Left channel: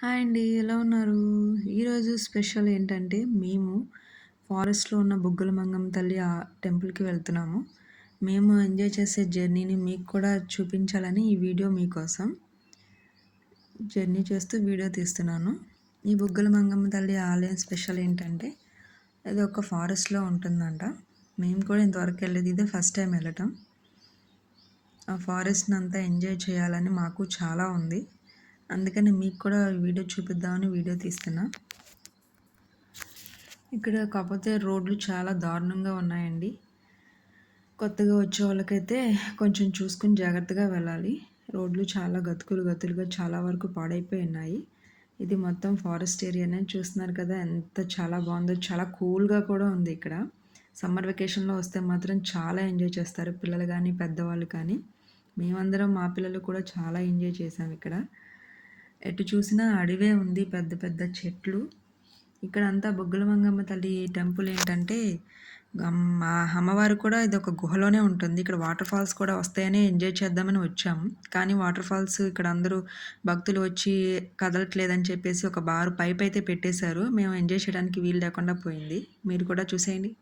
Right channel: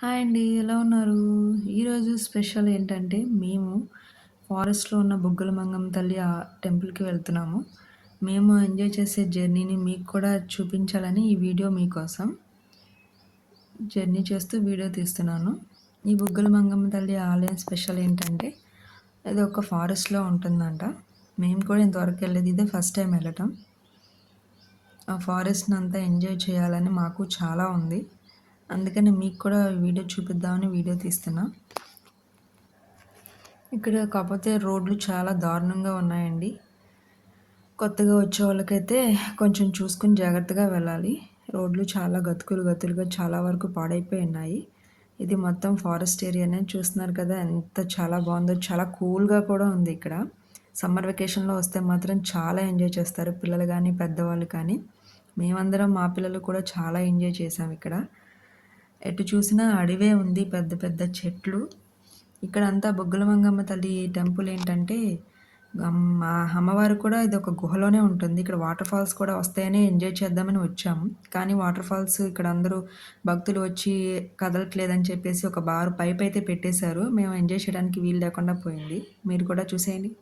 Hi అండి. ఎలా ఉన్నారు? ఈరోజు స్పెషల్ ఏంటంటే, మేము ఫారెస్ట్‌లో ఉన్న బుగ్గల మంగమ్మ తల్లి టెంపుల్‌కి వెళ్తున్నాము. మేము ఎంజాయ్ చేసే జర్నీని మీకు కూడా చూపించాలని ఈ వీడియో మీకోసం. జర్నీ చేస్తూ వీడియో తీస్తున్నాను. ఈ బుగ్గల మంగమ్మ తల్లి ఆలయం స్పెషల్ ఏంటంటే, ఇది ఒక ఫారెస్ట్‌లో ఉంటుందంట. మేము కూడా ఇంతవరకు వెళ్ళలేదు. ఇదే ఫస్ట్ టైం వెళ్ళటం. ఆ ఫారెస్ట్‌నంతా ఎంజాయ్ చేయాలని మాకు చాలా ఉంది. అందుకని మీకు కూడా ఈ వీడియో చూపిద్దామని వీడియో తీస్తున్నా. ఇక్కడ కాకపోతే రోడ్లు చాలా దారుణంగా ఉన్నాయండి. కొత్తగా వచ్చే వాళ్ళకైతే కొంచెం చూసుకొని జాగ్రత్తగా వెళ్ళాలి. రోడ్లు చాలా గతుకులుగా చాలా వరకు పాడైపోయి ఉన్నాయి. ఇది మొత్తం ఫారెస్ట్ ఏరియానే చూస్తున్నారు కదా! ఎంత చాలా బావుందో. చాలా కూల్‌గా కూడా ఉంది ఇక్కడ. సమ్మర్ వెకేషన్‌లో వస్తే మాత్రం చాలా ఎంజాయ్ చేస్తారు పిల్లలు గానీ, పెద్దవాళ్ళు కానీ. మేమందరం మా పిల్లలు కూడా చాలా ఎంజాయ్ చేశాం ఇక్కడ. ఎటు చూసినా అడవే ఉంది. పెద్ద పెద్ద చెట్లు. ఇక్కడంతా బొగ్గల మంగమ్మ తల్లి టెంపుల్ ఏంటంటే, మా అమ్మవారు కూడా ఇదొక గుహలోనే ఉంటుంది. ఇక్కడ వాటర్ ఫాల్స్ కూడా వస్తాయని ఎంజాయ్ చేద్దామని వచ్చాము. కానీ వాటర్ ఫాల్స్ ఇక్కడ అందరూ భక్తులు వచ్చి కదలట్లేదని చెప్పేసి ఒక బార్ పైపయితే పెట్టేశారు. మేము ఎంజాయ్ చేయడానికి వీలు లేకుండా పోయింది. మీరు కూడా చూసేయండి.